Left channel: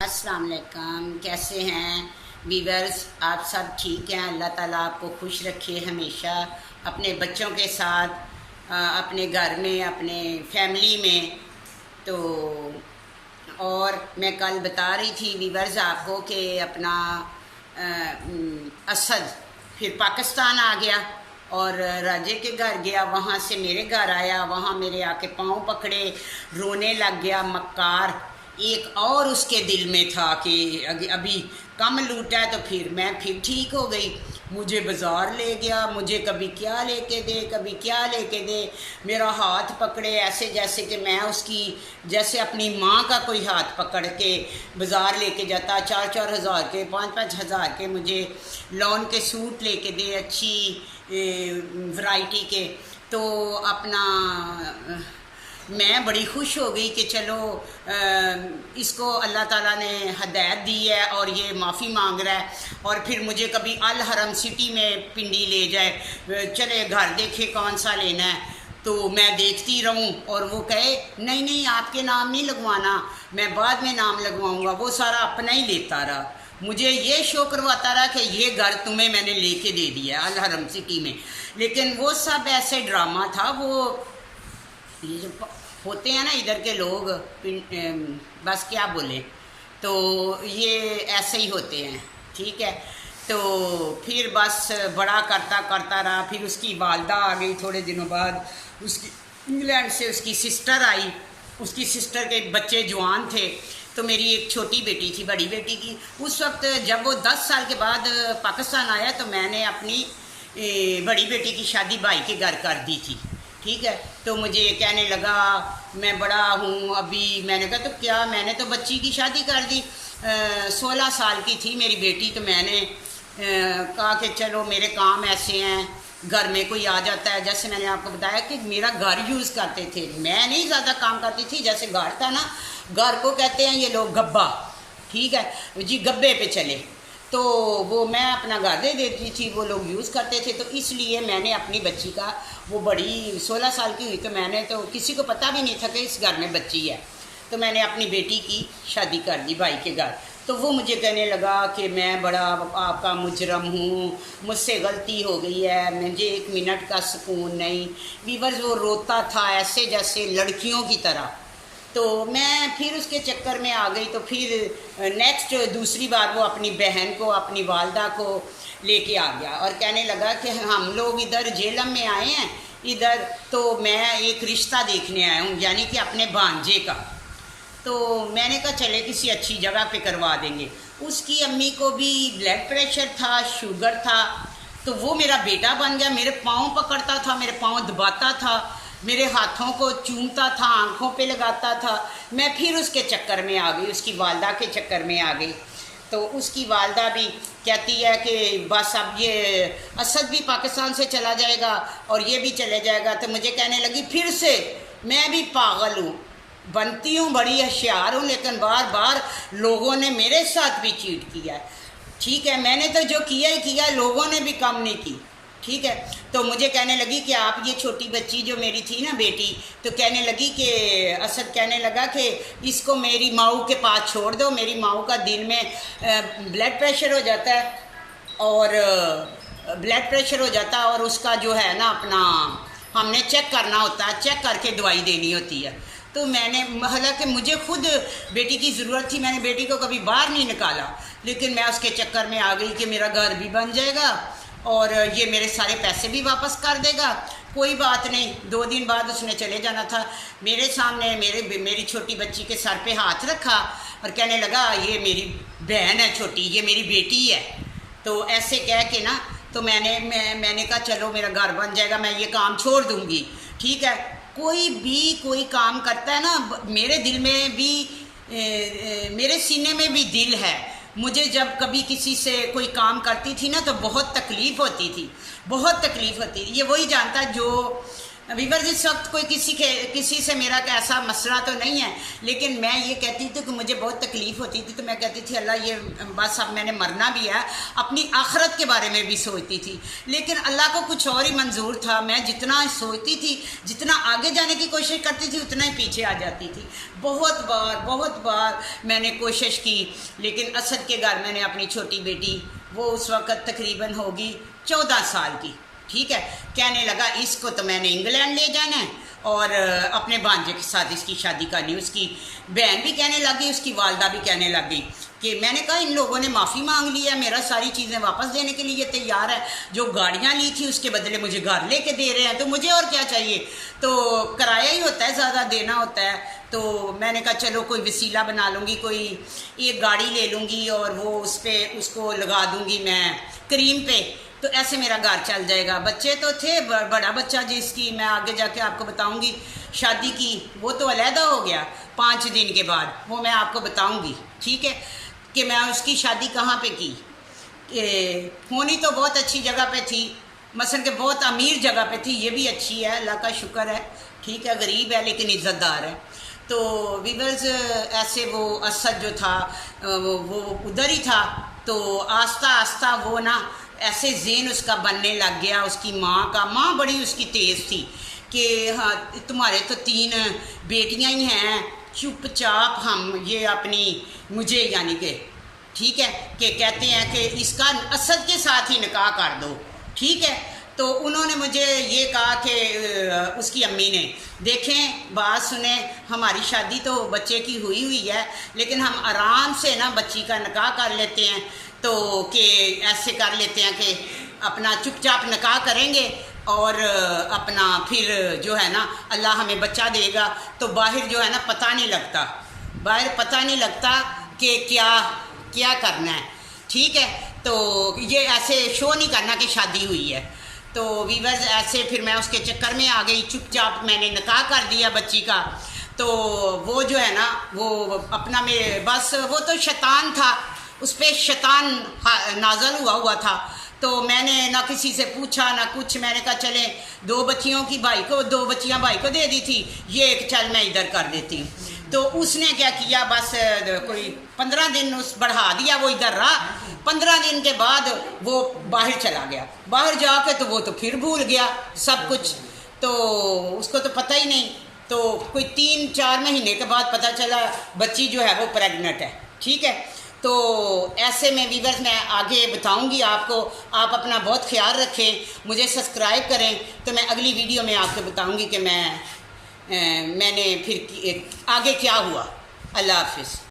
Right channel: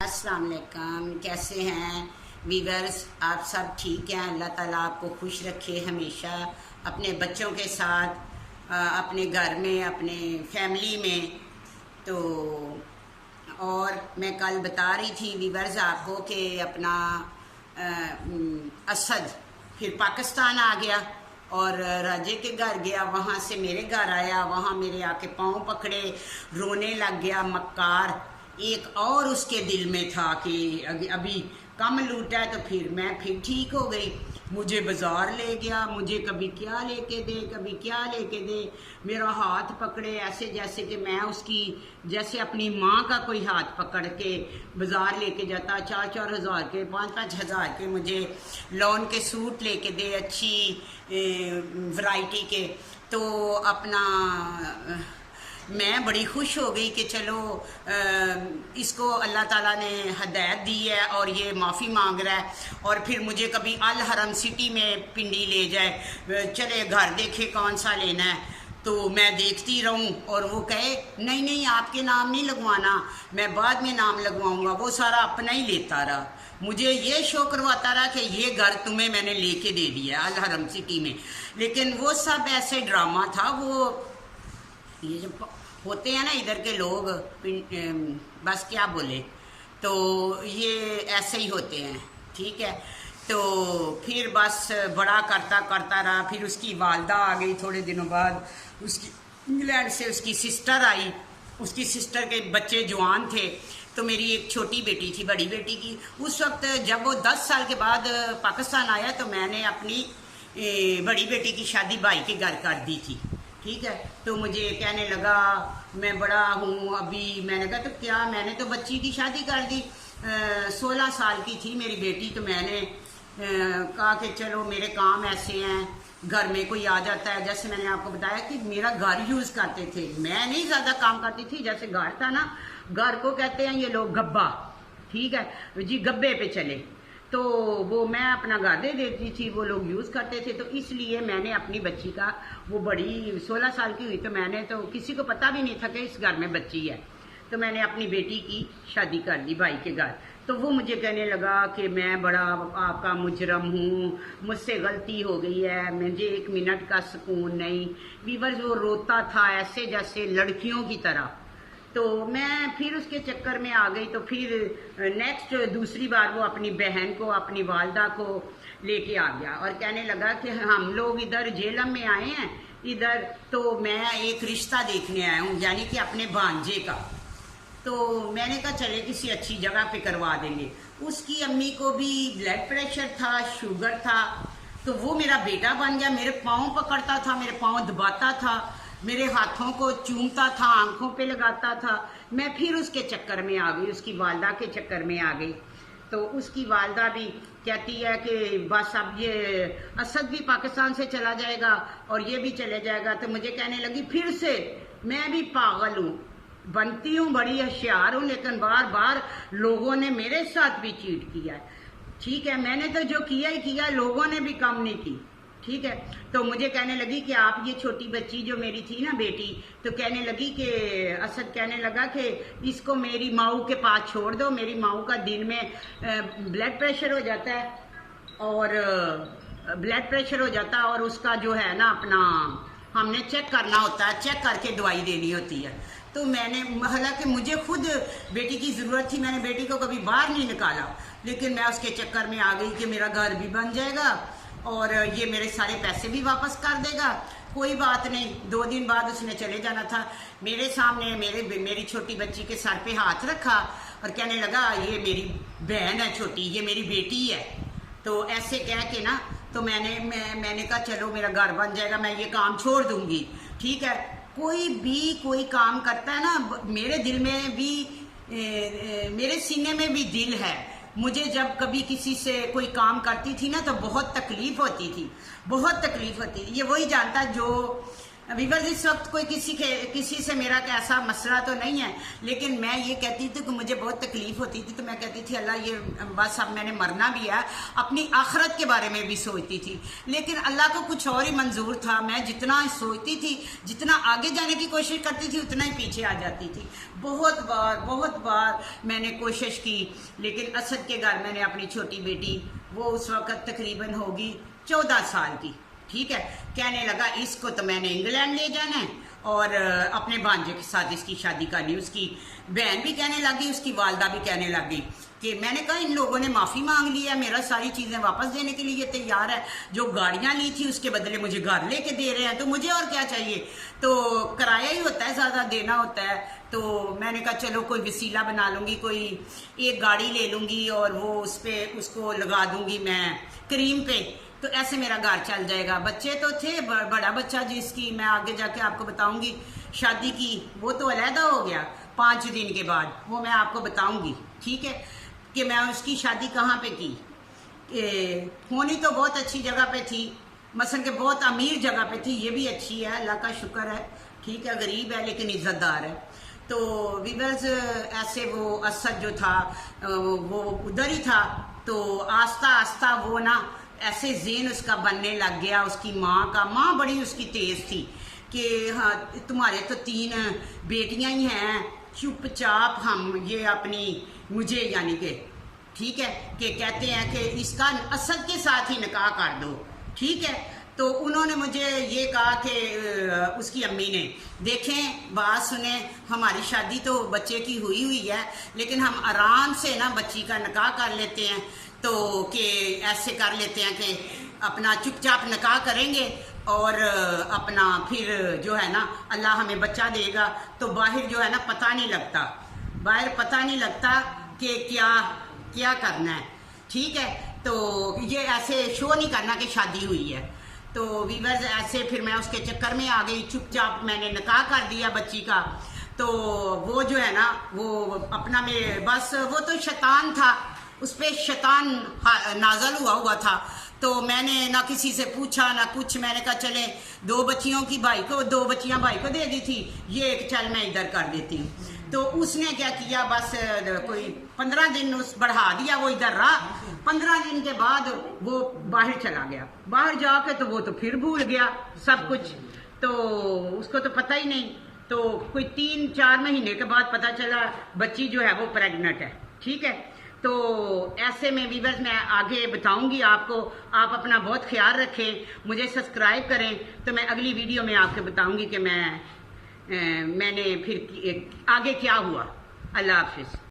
अस्सलाम वालेकुम, कैसे हैं वीवर्स? आप सब ठीक हैं? अल्लाह ताला आपको खुश रखे हमेशा अपने बच्चों के साथ, अपने घर में, अपने फैमिली में। तो और मैं कल बता रही थी वीवर्स आपको कि अपना असद फिर पाकिस्तान आ गया और राजे के घर गया, वहाँ से मेरे घर आया, वहाँ मेरे आके पाँव पकड़े, रोने लग गया मक्कार। एक और उसके दिल में था कि अभी कम लूटा है, तो फिर मैं फिर ठीक हो गई। मुझे बाज़ार ले गया, मुझे कभी क्या लेके दे, कभी क्या लेके दे, मेरा हाथ पकड़े ऐसे जैसे कि मैं उसकी, जैसे अपनी माँ का कोई हाथ पकड़ के बाज़ार लेके जाता। 4-4 हज़ार के, 5-5 हज़ार के मुझे लॉन के सूट लेके दे, अच्छी वैरायटी के। तो अपना मैं बड़ी खुश हो गई कि चलो इसको अल्लाह ताला ने हदायत दी है और ये माफ़ी मांग रहा है। और फिर मुझे कभी अल हरम सिटी में पिंडी ले जाए, चले घर देखे कौन सा लेना है, तो मैं देखती रहूं और वो कहे नहीं नहीं आपके नाम नहीं लगवाना, मैं बाद में नाम लगवाऊंगा। वो सारा अपना ही लेता रहा। मुझे ये शो करवाता रहा कि ये घर तुम्हें मैंने लेके दे दिया अल हरम सिटी में। लेकिन वो सब ऐसे ड्रामा था। वो ये जो होते हैं ना इधर के लोग, बस क्या बोले, तो ये ऐसे ही होते हैं, ठीक है। तो फिर बस बड़ा करता करता रहा। फिर उसकी वालदा आ गई थोड़े दिनों बाद, उसकी इंग्लैंड से उसकी सिस्टर आई। उसकी सिस्टर के बच्चे जवान थे, तो मेरी एक छोटी बेटी थी, बड़ी बेटी की। उस वक्त जब वो 10 साल के बाद पाकिस्तान आया, तो मैंने अपनी बड़ी बेटी की शादी भाई के घर कर दी थी, ठीक है। तो मुझे कहने लगा मैं बड़ा हूँ अभी। मैंने कहा तो क्या, मैंने तो बच्ची की शादी कर दी, 16 साल की थी मेरी बेटी। तो मैंने कहा कि चलो मेरे काम ऐसे हैं, घर में कोई आ जाता है। जैसे मैंने आपको बताया कि मेरा घर यूज़ करते थे, मैं नहीं ज़्यादा काम करती थी। जैसे घर था ना, घर को कहते हैं ये लोग गब्बा, ठीक है जी, गब्बे पे चले। तो वो मैं अपना घर दे देती थी, वो लोग यूज़ करते थे। तो इसलिए मैंने अपनी बच्ची का, वो बड़ी 16 साल की हुई, तो मैंने तो किसी को पता भी नहीं था कि इस घर में बच्ची है। तो मैंने अपनी बेटी की शादी कर दी भाई के घर। तो वो मुझे कहने लगा कि मैं बड़ा आपका मुजरम हूँ, मुझसे गलती हो गई है, मुझे 1 मिनट का सुकून नहीं। वीवर्स वो रोता था ऐसे जैसे लड़कियों की तरह। तो मैं फिर उसके चक्कर में आ गई। तो फिर नेक्स्ट दूसरी बार वो अपनी बहन को, अपनी वालदा को लेके आ गया और कहने लगा कि हम लोग इधर झेलम में आए हैं इधर, तो मैं एक रिश्ता देखने आया हूँ, यानी कि अपने भांजे का। तो मैंने कहा चले किसी अच्छी जगह पे करवा देंगे। उसकी अम्मी को भी ब्लड प्रेशर था, शुगर था। तो वो मेरा बेटा बन गया, मेरे पाँव पकड़ता था, मेरे पाँव दबाता था, मेरे हाथों को चूमता था, आंखों पे लगाता था। मैं फिर उसके चक्कर में आ गई, उसकी वालदा के चक्कर में आ गई। तो उसकी वालदा भी कहती है कि बस अब ये असद भी पाकिस्तान से चला जाएगा और ये भी चले जाएगा। तो मुझे कहने लगी फिर से मैं भी पागल हूँ, बनती हूँ बड़ी होशियार हूँ, लेकिन बार बार लोगों ने मेरे साथ भी चीट किया है, ठीक है। मैंने तो जो किया ही किया, लोगों ने भी कम नहीं की, ठीक है। तो मुझे कहने लगी कि आप ये छोटी बच्ची जो मेरी थी ना बेटी, तो कहने लगी कि असद कहने लगा कि इसको मेरी माऊ के पास छोड़ दो। मेरी माऊ का दिन में ब्लड प्रेशर हो जाता है और उसका जो है ना अपना हमने चेक करना होता है, चेक करके दवाई देनी होती है। तो मैंने, हालांकि मुझे खुद बेटी की ज़रूरत थी, मैंने बेटी को कभी बाहर नहीं निकाला, लेकिन मैं उसके चक्कर में आ गई कि मेरा घर भी बन जाएगा और ये मेरे सारे पैसे भी वापस कर देगा। कोई बात नहीं, 2 दिन बाद उसने चले जाना था। मेरे सामने मेरी छोटी बच्ची के सर पे हाथ रखा और कहने लगा ये मेरी बहन है छोटी, ये मेरी बेटी है। तो ऐसे कह के ना, तो मैंने कहा चलो मेरा घर बन जाएगा, मैं ये काम छोड़ दूँगी, ठीक है। कोई भी कोई काम करता है ना, मेरे दिल में भी मेरे सीने में भी दिल है। मुझे जब कभी किसी से कोई काम करती थी ना, तो बहुत तकलीफ़ होती थी, बहुत तकलीफ़ होती थी। ये वही जानता जो वीवर इस वक्त कोई किसी से मेरा ऐसा मसला तो नहीं है, लेकिन मैं ये कहती थी कि मुझे बहुत तकलीफ़ होती थी, तो मैं कहती थी अल्लाह ये बस अब मैंने मरना भी है, अपनी आखरत के बारे में भी सोचती थी। लेकिन अल्लाह को कुछ और ही मंजूर था। मैं जितना सोचती थी, जितना आगे जाने की कोशिश करती थी, उतना ही पीछे आ जाती थी। बहुत बार मैंने कोशिश की, लेकिन असद के घर मैंने अपनी छोटी बेटी, वो उस वक़्त तकरीबन होगी 14 साल की, ठीक है, कहने लगा इसको तो मैंने इंग्लैंड ले जाना है और अपने भांजे के साथ इसकी शादी करनी। उसकी बहन भी कहने लगी, उसकी वालदा भी कहने लग गई कि मैंने कहा इन लोगों ने माफ़ी मांग ली है, मेरा सारी चीज़ें वापस देने के लिए तैयार है, जो गाड़ियाँ ली थी उसके बदले मुझे घर लेके दे रहे हैं, तो मुझे और क्या चाहिए, तो किराया ही होता है, ज़्यादा देना होता है। तो मैंने कहा चलो कोई वसीला बना लूँगी, कोई एक गाड़ी ले लूँगी और वो उस पर उसको लगा दूँगी मैं क्रीम पे, तो ऐसे मेरा घर चल जाएगा। बच्चे तो थे, बड़ा बच्चा जिसकी मैं आगे जाके आपको बताऊंगी शादी की, वो तो अलहदा हो गया 5 दिन के बाद, वो मैं आपको बताऊंगी, ठीक है, कि मैं उसकी शादी कहाँ पे की। होनी तो बहुत अच्छी जगह पे थी, मसलन के बहुत अमीर जगह पे थी, ये भी अच्छी है, अल्लाह का शुक्र है, ठीक है, गरीब है लेकिन इज़्ज़तदार है। तो वीवर्स ऐसे वो असद जो था वो उधर ही था, तो आस्ता आस्ता वो ना ऐसे ज़ेन उसका बनने लग गया। उसकी माँ बड़ी उसकी तेज़ थी कि हाँ तुम्हारे तो 3 बेटियां ही हैं, चुपचाप हम ये अपनी मुझे यानी कि ठीक है कि कहते हैं कि इसका असद के साथ ही निकाह कर दो, ठीक है। तो उन्होंने मुझे ये कहा कि उसकी अम्मी ने, देखें बात सुने, हमारी शादी तो बच्चे की हुई है, लेकिन हम आराम से ना बच्ची का निकाह कर लेते हैं, तो कि ऐसे कर लेते हैं कि अपना चुपचाप निकाह करेंगे और अपना फिर जो है ना अल्लाह हमें बच्चा देगा, तो बाहर जो है ना पता नहीं लगता कि क्या करना है, ठीक है। तो ये ऐसे शो नहीं करना कि शादी हुई है। तो वीवर्स ऐसे फिर मैं उसके चक्कर में आ गई, चुपचाप मैंने निकाह कर दिया बच्ची का। तो वो जो है ना वो अपना मेरे बस वो तो शैतान था, उस पर शैतान नाजल हुआ था। तो मैंने ना किसी से पूछा ना कुछ, मैंने कहा चले 2 बच्चियां भाई को दे दी थी, ये एक चल मैं इधर कर देती हूँ। तो उसने क्या किया, बस कोई 15 दिन उस बढ़ा दिया, वो इधर रहा। 15 दिन के बाद वो बाहर चला गया, बाहर जाके तो वो तो फिर भूल गया सब कुछ, तो उसको तो पता ही नहीं। तो कोई 3-4 महीने के बाद पता चला बच्ची जो है वो प्रेग्नेंट है, ठीक है। तो ऐसे में वीवर्स मैं आगे बताऊंगी आपको, आप अपना बहुत ख्याल रखें, मुझे सब्सक्राइब करें, तो मैं अगली वीडियो में आपको बताऊंगी कि मैंने फिर आगे क्या हुआ। अल्लाह हाफिज़।